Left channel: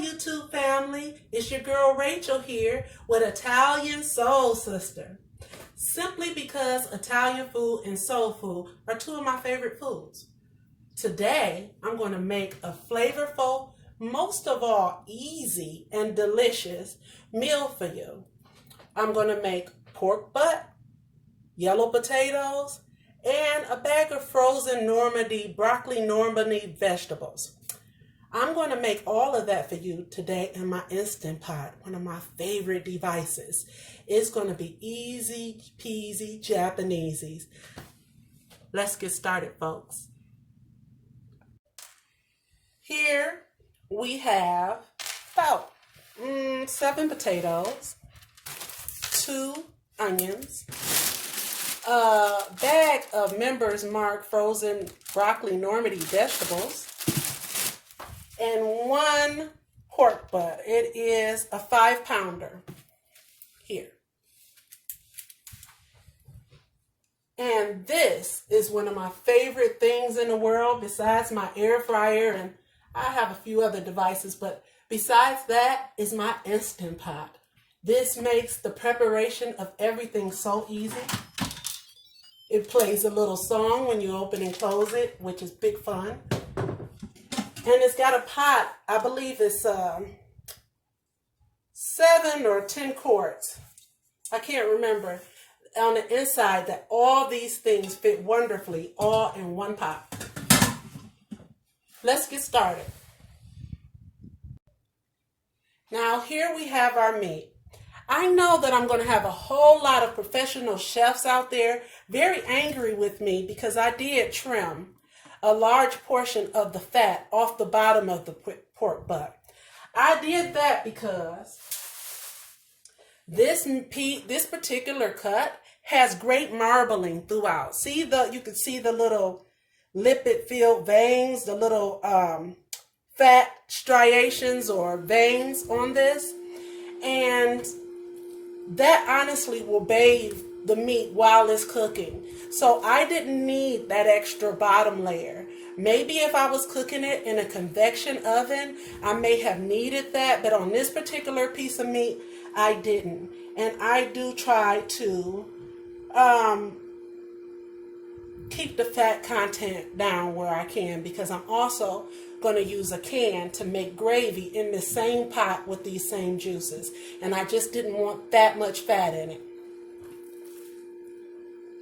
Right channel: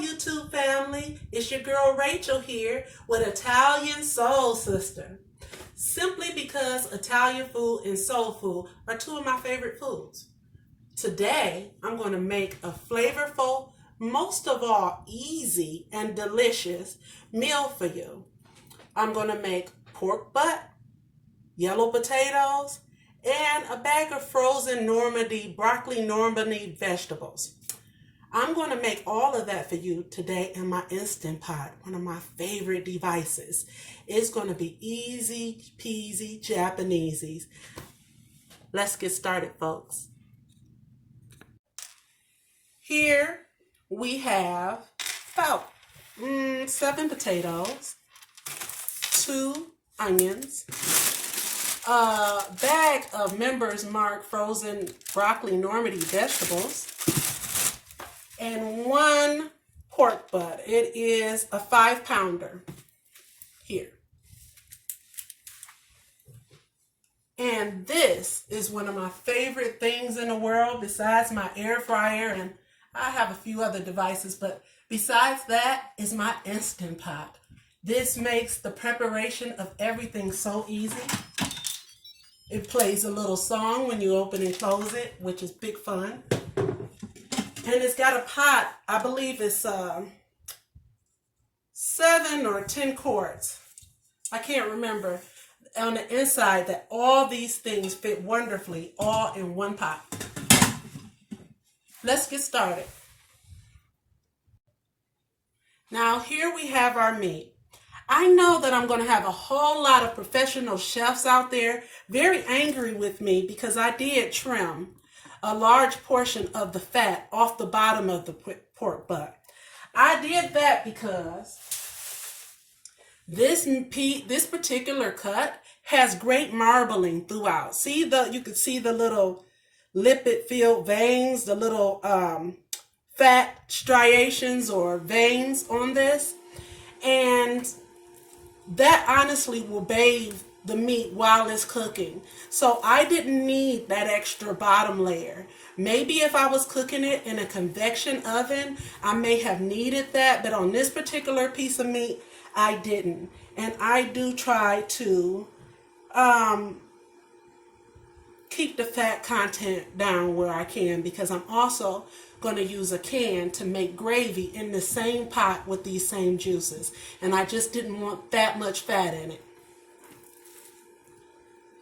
YouTube family. It's your girl Rachel here with Italian Soul Sister. Simply because Italian food and soul food are two of my favorite foods. Today, I'm going to make a flavorful, most of all easy and delicious meal for you. I'm going to make pork butt, yellow potatoes, and a bag of frozen broccoli Normandy vegetables. I'm going to make all of that for you today in my Instant Pot, one of my favorite devices. It's going to be easy peasy Japanesey. Let's get started, folks. Here we have about 7 potatoes, 2 onions, a bag of Members Mark frozen broccoli Normandy vegetables, and 1 pork butt. It is a 5-pounder here. And this is one of my favorite things in the world besides my air fryer, and I have a few other devices, but besides that is my Instant Pot. This makes the preparation of everything so easy. It plays a little song when you open and close it, which is big fun. And it's got a pot, I believe it's 7 or 10 quarts. I can't remember. On the inside, that all these things fit wonderfully all in one pot. Let's get started. Now here we have our meat. I know that I'm going to have a whole lot of professional chefs out there very angry with me because I did trim a large portion of the fat off the bottom of the pork butt. I did that because this particular cut has great marbling throughout. You can see the little lipid-filled veins, the little fat striations or veins on this, and that honestly will bathe the meat while it's cooking. So I didn't need that extra bottom layer. Maybe if I was cooking it in a convection oven, I may have needed that, but on this particular piece of meat, I didn't. And I do try to keep the fat content down where I can, because I'm also going to use a can to make gravy in the same pot with these same juices. And I just didn't want that much fat in it.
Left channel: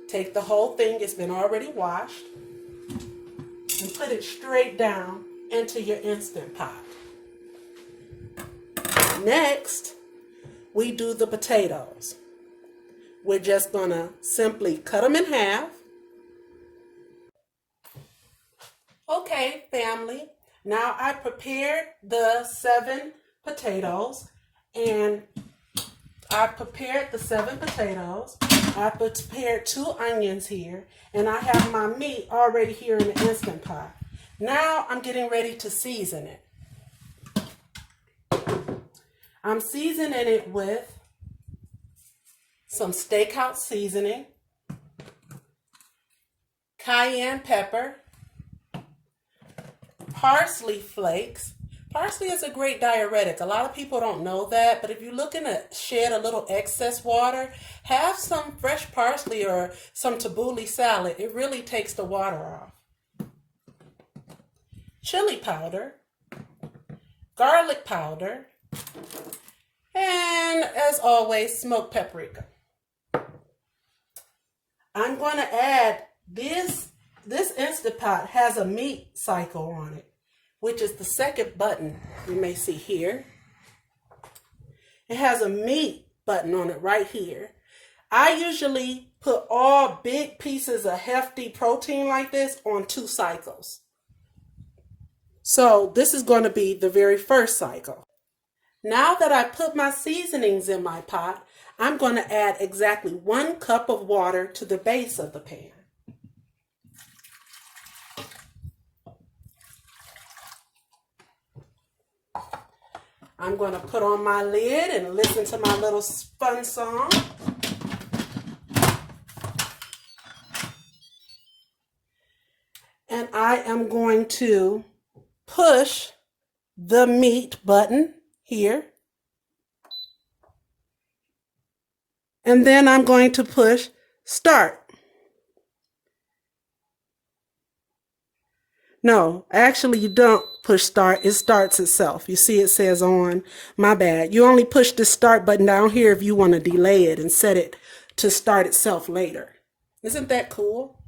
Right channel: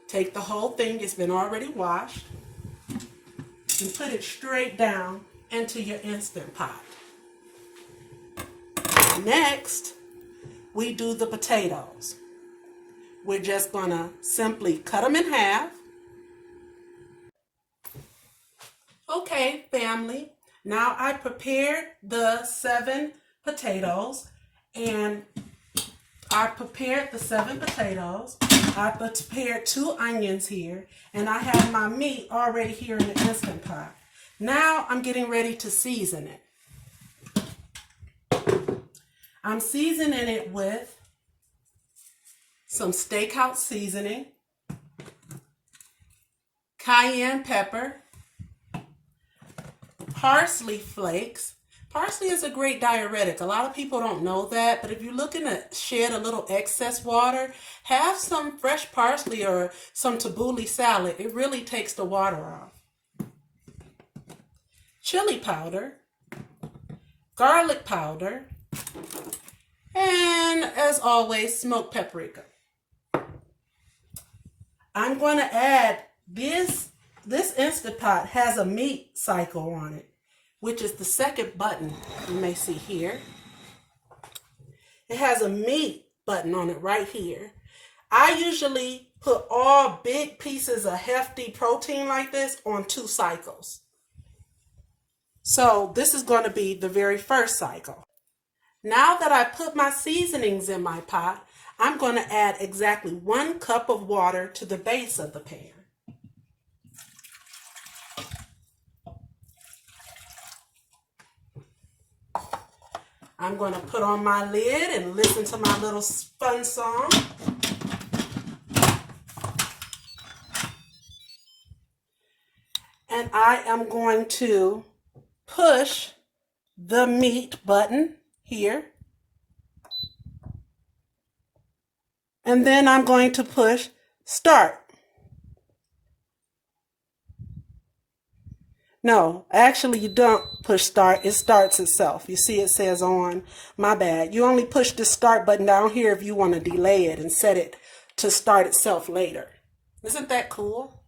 Take the whole thing, it's been already washed, and put it straight down into your Instant Pot. Next, we do the potatoes. We're just going to simply cut them in half. Okay, family. Now I prepared the 7 potatoes, and I prepared 2 onions here, and I have my meat already here in the Instant Pot. Now I'm getting ready to season it. I'm seasoning it with some steakhouse seasoning, cayenne pepper, parsley flakes. Parsley is a great diuretic. A lot of people don't know that, but if you're looking to shed a little excess water, have some fresh parsley or some tabbouleh salad. It really takes the water off. Chili powder, garlic powder, and as always, smoked paprika. I'm going to add this Instant Pot has a meat cycle on it, which is the second button you may see here. It has a meat button on it right here. I usually put all big pieces of hefty protein like this on 2 cycles. So this is going to be the very first cycle. Now that I put my seasonings in my pot, I'm going to add exactly 1 cup of water to the base of the pan. I'm going to put on my lid and listen to my little fun song. And I am going to push the meat button here. And then I'm going to push start. No, actually you don't push start. It starts itself. You see it says on. My bad. You only push the start button down here if you want to delay it and set it to start itself later. Isn't that cool?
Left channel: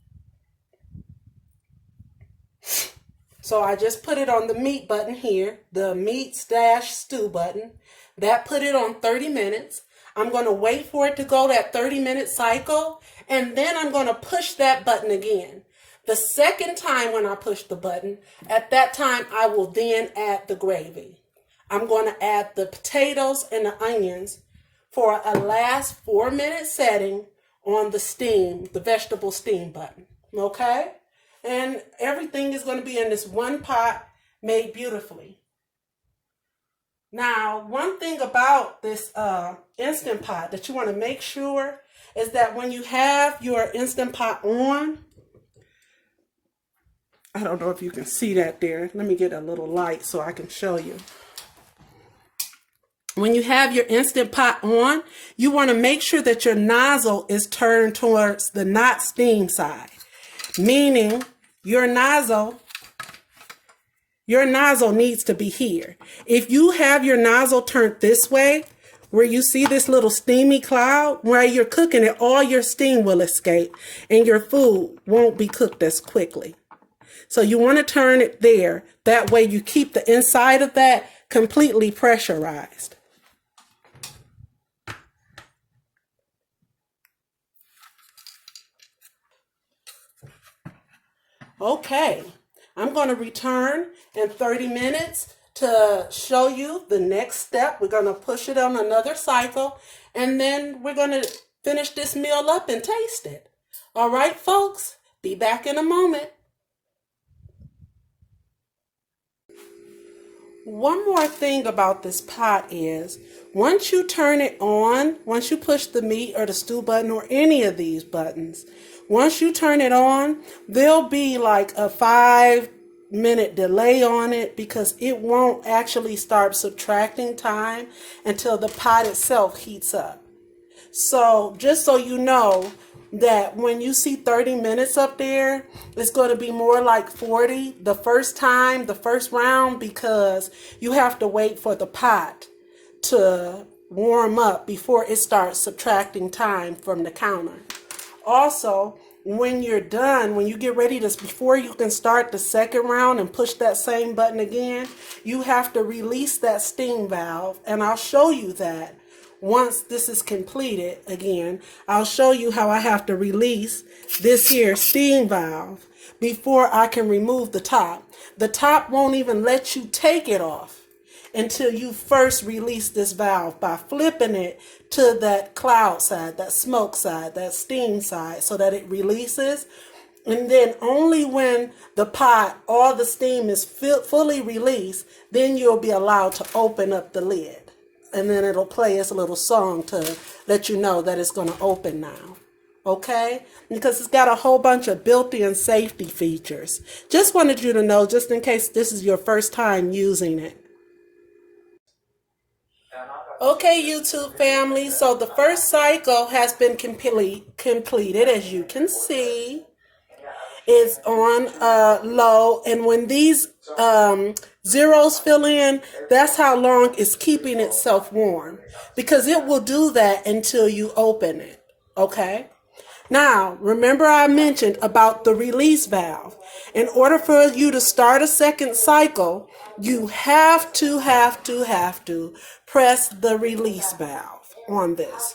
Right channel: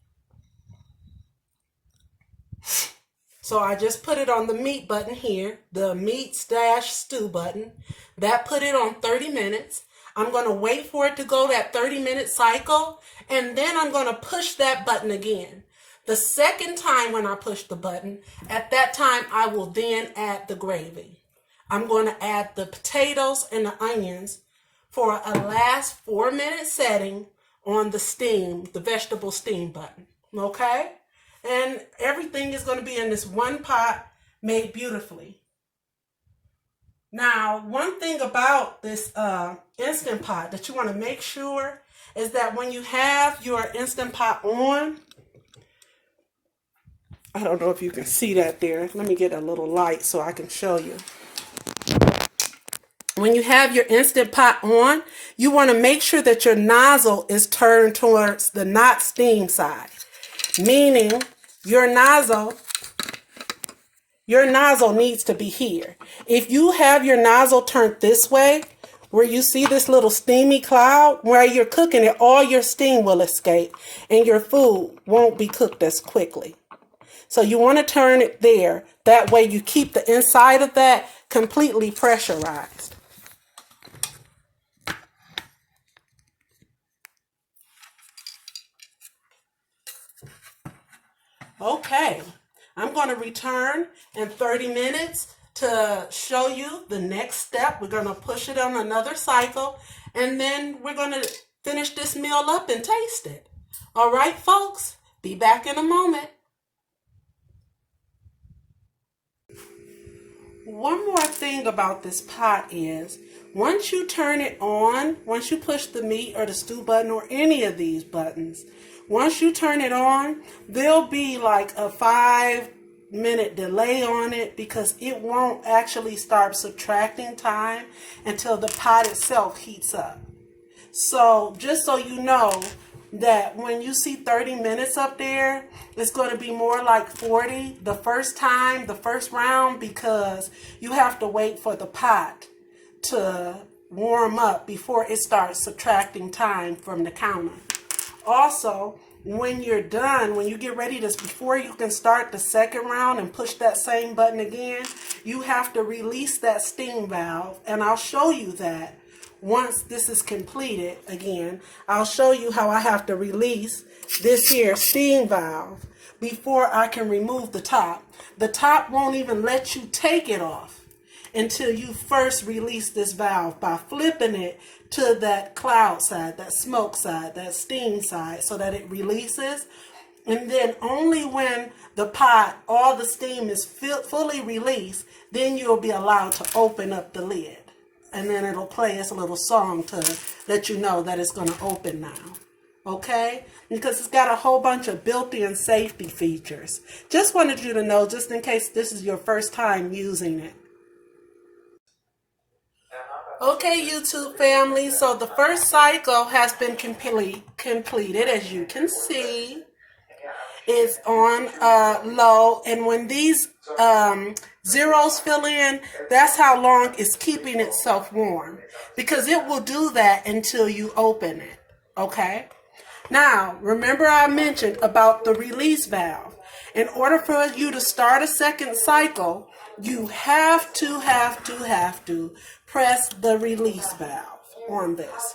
So I just put it on the meat button here, the meat/stew button. That put it on 30 minutes. I'm going to wait for it to go that 30-minute cycle, and then I'm going to push that button again. The second time when I push the button, at that time I will then add the gravy. I'm going to add the potatoes and the onions for a last 4-minute setting on the vegetable steam button. Okay? And everything is going to be in this one pot made beautifully. Now, one thing about this Instant Pot that you want to make sure is that when you have your Instant Pot on, I don't know if you can see that there. Let me get a little light so I can show you. When you have your Instant Pot on, you want to make sure that your nozzle is turned towards the not steam side, meaning your nozzle needs to be here. If you have your nozzle turned this way, where you see this little steamy cloud, where you're cooking it, all your steam will escape and your food won't be cooked as quickly. So you want to turn it there. That way you keep the inside of that completely pressurized. Okay, I'm going to return in 30 minutes to show you the next step. We're going to push it on another cycle, and then we're going to finish this meal up and taste it. All right, folks, be back in a moment. One more thing about this pot is, once you turn it on, once you push the meat or the stew button or any of these buttons, once you turn it on, there'll be like a 5-minute delay on it because it won't actually start subtracting time until the pot itself heats up. So just so you know that when you see 30 minutes up there, it's going to be more like 40 the first round, because you have to wait for the pot to warm up before it starts subtracting time from the counter. Also, when you're done, when you get ready to, before you can start the second round and push that same button again, you have to release that steam valve, and I'll show you that. Once this is completed, again, I'll show you how I have to release this here steam valve before I can remove the top. The top won't even let you take it off until you first release this valve by flipping it to that cloud side, that smoke side, that steam side, so that it releases. And then only when the pot, all the steam is fully released, then you'll be allowed to open up the lid. And then it'll play us a little song to let you know that it's going to open now. Okay? Because it's got a whole bunch of built-in safety features. Just wanted you to know, just in case this is your first time using it. Okay, YouTube family, so the first cycle has been completed, as you can see. It's on low, and when these zeros fill in, that's how long it's keeping itself warm, because it will do that until you open it. Okay? Now, remember I mentioned about the release valve. In order for you to start a second cycle, you have to press the release valve on this,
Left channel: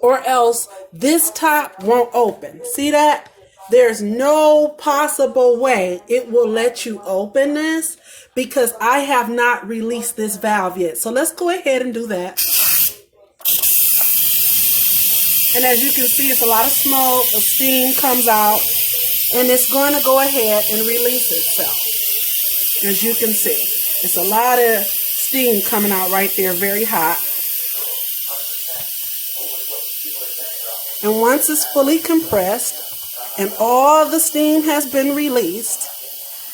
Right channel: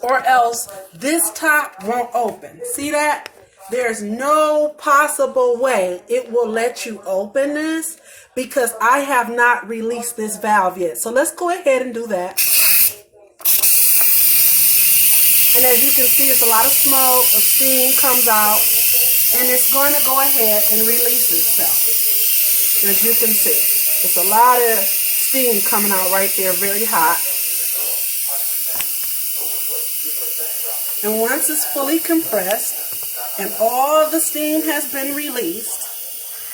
or else this top won't open. See that? There's no possible way it will let you open this because I have not released this valve yet. So let's go ahead and do that. And as you can see, it's a lot of smoke, of steam comes out, and it's going to go ahead and release itself. As you can see, it's a lot of steam coming out right there, very hot. And once it's fully compressed and all the steam has been released,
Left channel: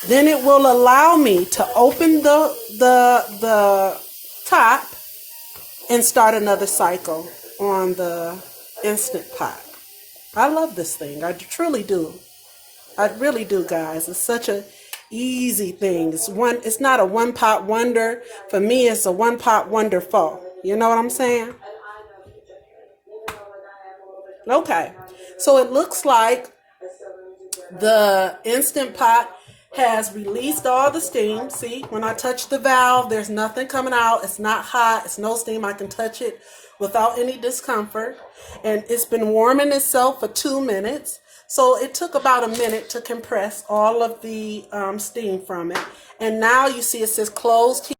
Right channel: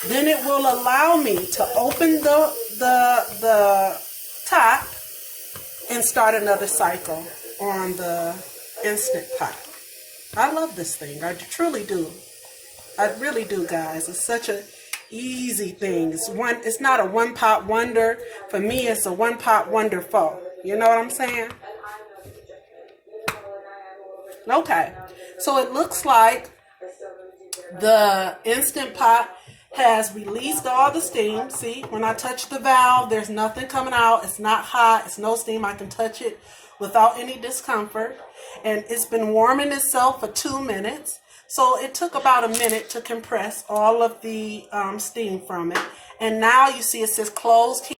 Then it will allow me to open the top and start another cycle on the Instant Pot. I love this thing. I truly do. I really do, guys. It's such a easy thing. It's not a one pot wonder. For me, it's a one pot wonder foe. You know what I'm saying? Okay. So it looks like the Instant Pot has released all the steam. See, when I touch the valve, there's nothing coming out. It's not hot. It's no steam. I can touch it without any discomfort. And it's been warming itself for 2 minutes. So it took about a minute to compress all of the steam from it. And now you see it says close.